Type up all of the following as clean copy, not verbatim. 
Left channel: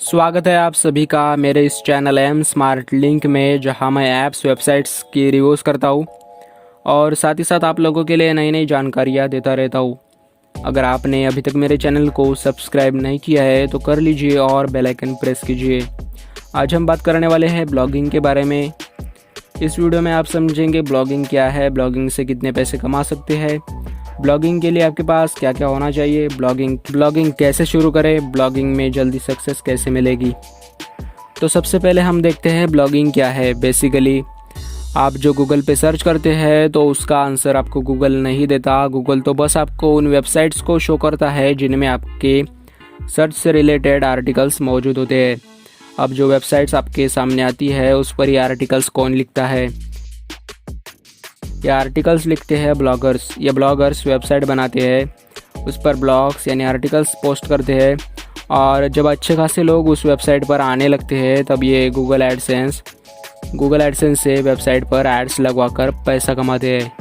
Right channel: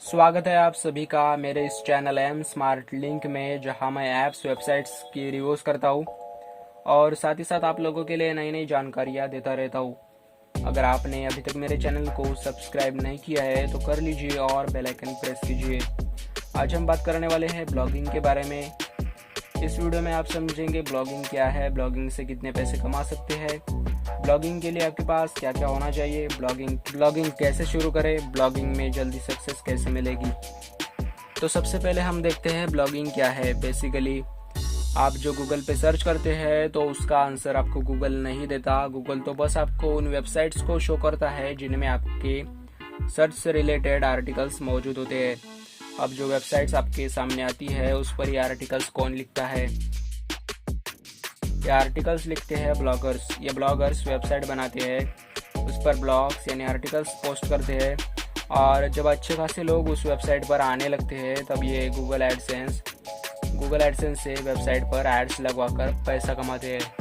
स्वागत है आप सभी का मेरे इस चैनल एम स्मार्ट लिंक में, जहां मैं ऐप्स वेबसाइट्स की रिव्यूज़ करता हूं और साथ ही साथ आप लोगों के लिए नई नई जानकारियां देता रहता हूं। अगर आपने अभी तक मेरे चैनल को सब्सक्राइब नहीं किया है तो कर लीजिए और बेल आइकन प्रेस कीजिए। आज हम बात करने वाले हैं ब्लॉगिंग के बारे में। इस वीडियो में आप समझेंगे ब्लॉगिंग क्या है, ब्लॉगिंग से कितने पैसे कमा सकते हैं, ब्लॉगिंग के लिए आपके पास क्या क्या होना चाहिए, ब्लॉगिंग कैसे शुरू करें, ब्लॉगिंग में जल्दी सक्सेस कैसे मिलेगी। तो सबसे पहले हम देखते हैं ब्लॉगिंग क्या है। बेसिकली आप जो गूगल पे सर्च करते हैं तो उसका आंसर आपको गूगल नहीं देता। गूगल तो बस आपको उन वेबसाइट्स को शो करता है जिनमें आपके सर्च से रिलेटेड आर्टिकल्स मौजूद होते हैं। अब जो वेबसाइट्स आपके सामने आती है उस पर ये आर्टिकल्स कौन लिखता है? ये आर्टिकल्स लिखते हैं ब्लॉगर्स। ये ब्लॉगर्स वेबसाइट बनाते हैं, उस पर ब्लॉग्स यानी आर्टिकल्स पोस्ट करते हैं और जब अच्छे खासे लोग उस वेबसाइट पर आने लगते हैं तब ये गूगल एडसेंस से वेबसाइट पर एड्स लगवाकर पैसा कमाते हैं।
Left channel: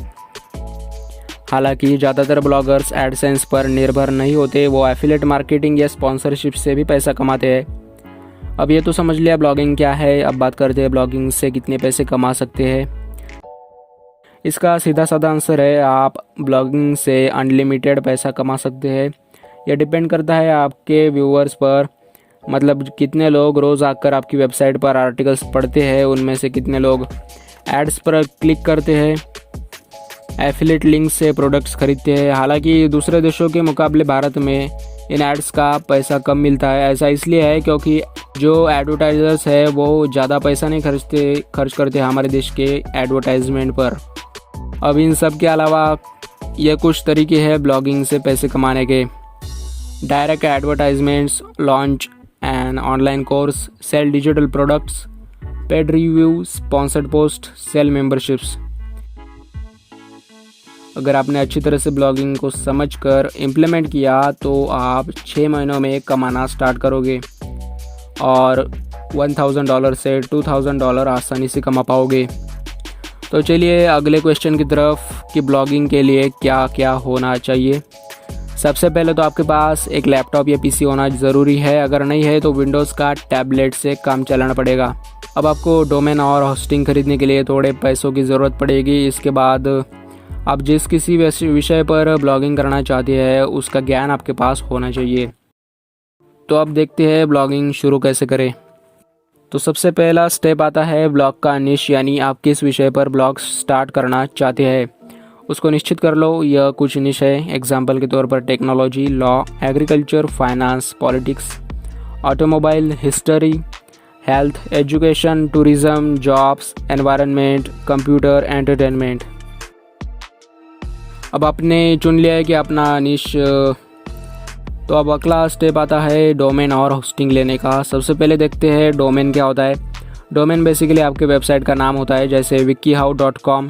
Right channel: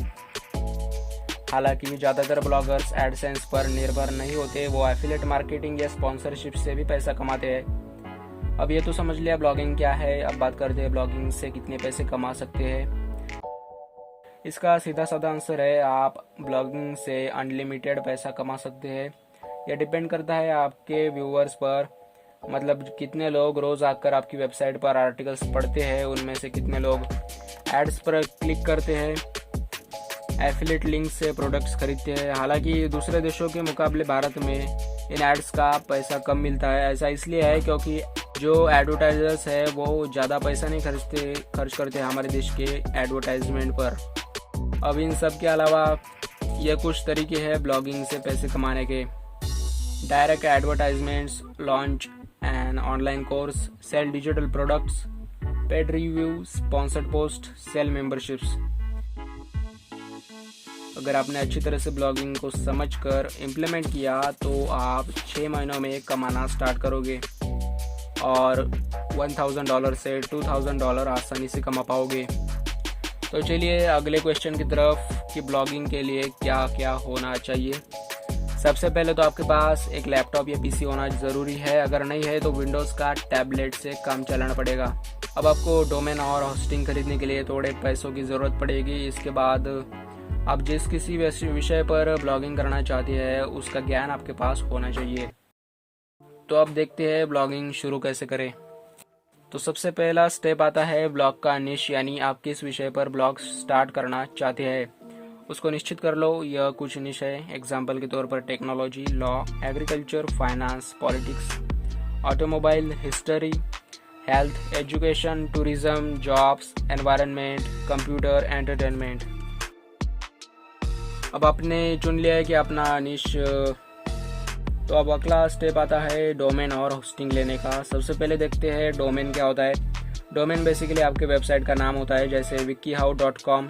हालांकि ज़्यादातर ब्लॉगर्स एडसेंस पर निर्भर नहीं होते, वो एफिलिएट मार्केटिंग या स्पॉन्सरशिप से भी पैसा कमाते हैं। अब ये तो समझ लिया ब्लॉगिंग क्या है। अब बात करते हैं ब्लॉगिंग से कितने पैसे कमा सकते हैं। इसका सीधा साधा आंसर है आप ब्लॉगिंग से अनलिमिटेड पैसा कमा सकते हैं। यह डिपेंड करता है आपके व्यूअर्स पर, मतलब कितने लोग रोज़ आकर आपकी वेबसाइट पर आर्टिकल्स पढ़ते हैं, उनमें से कितने लोग एड्स पर क्लिक करते हैं, एफिलिएट लिंक से प्रोडक्ट्स खरीदते हैं। हालांकि दूसरे देशों के मुकाबले भारत में इन एड्स का पैसा कम मिलता है। ऐसा इसलिए है क्योंकि जो एडवर्टाइजर्स है वो ज़्यादा पैसा नहीं खर्च करते हमारे देश के एडवर्टाइजमेंट पर। अब इन सब के अलावा ये कुछ तरीके हैं ब्लॉगिंग से पैसे कमाने के: direct advertisements, launch an online course, sell digital products, paid review, sponsored post, sell memberships. अगर आपने अच्छी तरह से ब्लॉगिंग को समझकर इम्प्लीमेंट किया तो आप 6 महीनों में कमाना स्टार्ट करोगे और $1000 से $2000 आसानी से कमा पाओगे। तो चलिए अगले क्वेश्चन की तरफ कि ब्लॉगिंग के लिए क्या क्या होना चाहिए। सबसे पहले तो आपके पास एक लैपटॉप या पीसी होना ज़रूरी है। अगर नहीं है तो विंडोज़ का टैबलेट से काम चलाना पड़ेगा। अब आपको डोमेन और होस्टिंग खरीदने के लिए थोड़े पैसों की ज़रूरत पड़ेगी। इसके बाद आप जिस किसी विषय पर ब्लॉगिंग करना चाहते हैं उसका ज्ञान आपके पास होना चाहिए। तो अब देखते हैं ब्लॉगिंग शुरू कैसे करें। तो सबसे पहला स्टेप आता है ब्लॉग का निश, यानी आप किस विषय पर ब्लॉग स्टार्ट करना चाहते हैं उसको निश्चित कर लो। यह कुछ निश है, एग्जाम्पल के तौर पर technology, law, agriculture, finance, politics, automobile, history, health, education, tourism, jobs, environment, computer, entertainment. अब आपने चुन लिया है कि अपना निश। तो अब अगला स्टेप आता है डोमेन और होस्टिंग लेने का। सबसे पहले देखते हैं डोमेन क्या होता है। डोमेन बेसिकली आपके वेबसाइट का नाम होता है, जैसे wikihow.com।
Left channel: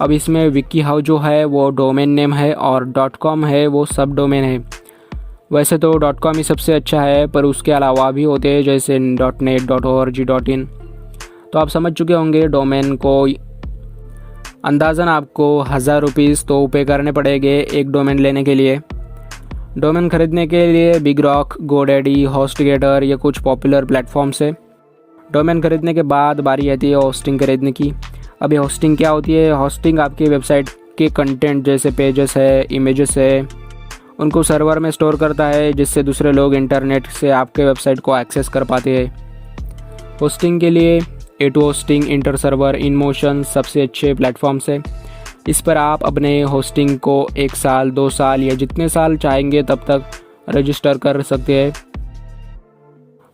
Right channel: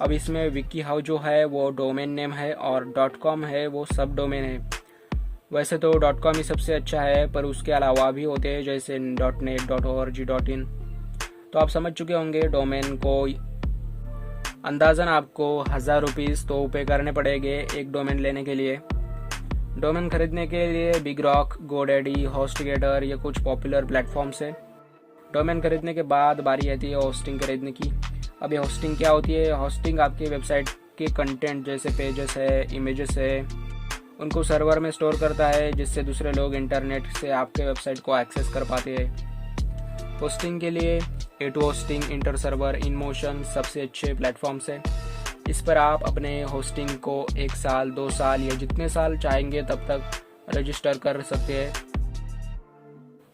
अब इसमें wikihow जो है वो डोमेन नेम है और .com है वो सब डोमेन है। वैसे तो .com ही सबसे अच्छा है, पर उसके अलावा भी होते हैं जैसे .net, .org, .in। तो आप समझ चुके होंगे डोमेन को। अंदाज़न आपको ₹1000 तो पे करने पड़ेंगे एक डोमेन लेने के लिए। डोमेन खरीदने के लिए बिग रॉक, गोडैडी, होस्टगेटर या कुछ पॉपुलर प्लेटफॉर्म्स है। डोमेन खरीदने के बाद बारी आती है होस्टिंग खरीदने की। अब ये होस्टिंग क्या होती है? होस्टिंग आपकी वेबसाइट के कंटेंट जैसे पेजेस है, इमेजेस है, उनको सर्वर में स्टोर करता है जिससे दूसरे लोग इंटरनेट से आपके वेबसाइट को एक्सेस कर पाते हैं। होस्टिंग के लिए A2 होस्टिंग, इंटर सर्वर, इनमोशन सबसे अच्छे प्लेटफॉर्म्स है। इस पर आप अपने होस्टिंग को 1 साल, 2 साल या जितने साल चाहेंगे तब तक रजिस्टर कर सकते हैं।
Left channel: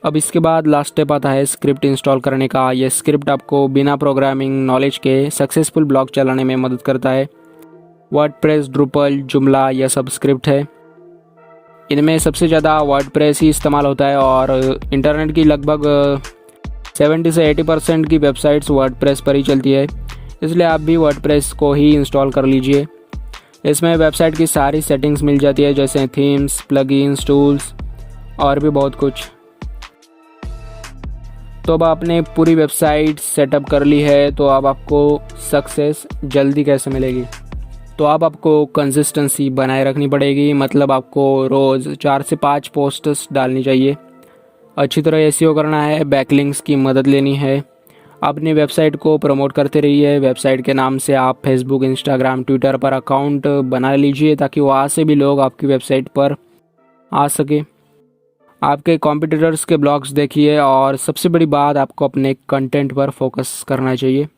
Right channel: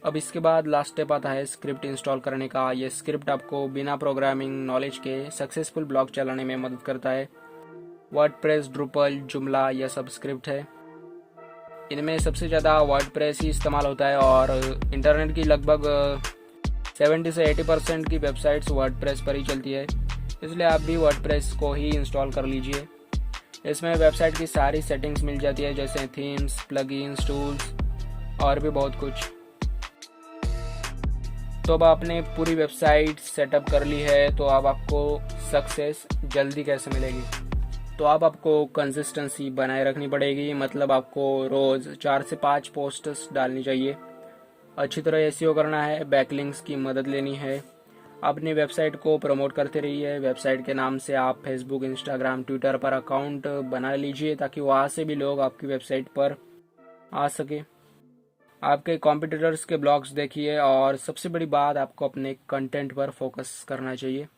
अब इसके बाद लास्ट स्टेप आता है स्क्रिप्ट इंस्टॉल करने का। यह स्क्रिप्ट आपको बिना प्रोग्रामिंग नॉलेज के सक्सेसफुल ब्लॉग चलाने में मदद करता है। वर्डप्रेस, ड्रुपल, जुमला यह सब स्क्रिप्ट है। इनमें सबसे ज़्यादा वर्डप्रेस ही इस्तेमाल होता है और इंटरनेट की लगभग 70 से 80% की वेबसाइट्स वर्डप्रेस पर ही चलती है, इसलिए आप भी वर्डप्रेस को ही इंस्टॉल कर लीजिए। इसमें वेबसाइट की सारी सेटिंग्स मिल जाती है जैसे थीम्स, प्लगइन्स, टूल्स और भी बहुत कुछ। तो अब आपने पूरी वेबसाइट सेटअप कर ली है, तो अब आपको सक्सेस जल्दी कैसे मिलेगी? तो अब आपको कंसिस्टेंसी बनाए रखनी पड़ेगी। मतलब आपको रोज़ 4 से 5 पोस्ट्स डालनी चाहिए। अच्छी तरह एसईओ करना है, बैकलिंक्स की मदद लेनी है। अपनी वेबसाइट को प्रमोट करते रहिए। वेबसाइट के नाम से आप फेसबुक, इंस्टाग्राम, ट्विटर पर अकाउंट बना लीजिए ताकि वहाँ से भी लोग आपकी वेबसाइट पर आ सके। आपके कॉम्पिटिटर्स के ब्लॉग्स देखिए और सबसे बड़ी बात, आपको अपने कंटेंट पर फोकस करना चाहिए।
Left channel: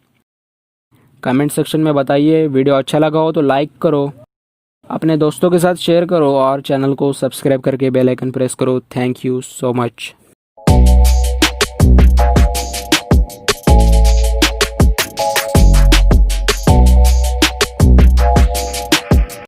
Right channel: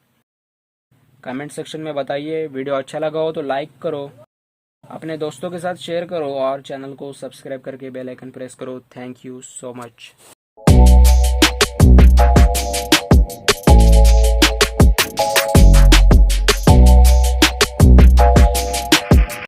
कमेंट सेक्शन में बताइए। वीडियो अच्छा लगा हो तो लाइक करो, अपने दोस्तों के साथ शेयर करो और चैनल को सब्सक्राइब करके बेल आइकन प्रेस करो। Thank you so much.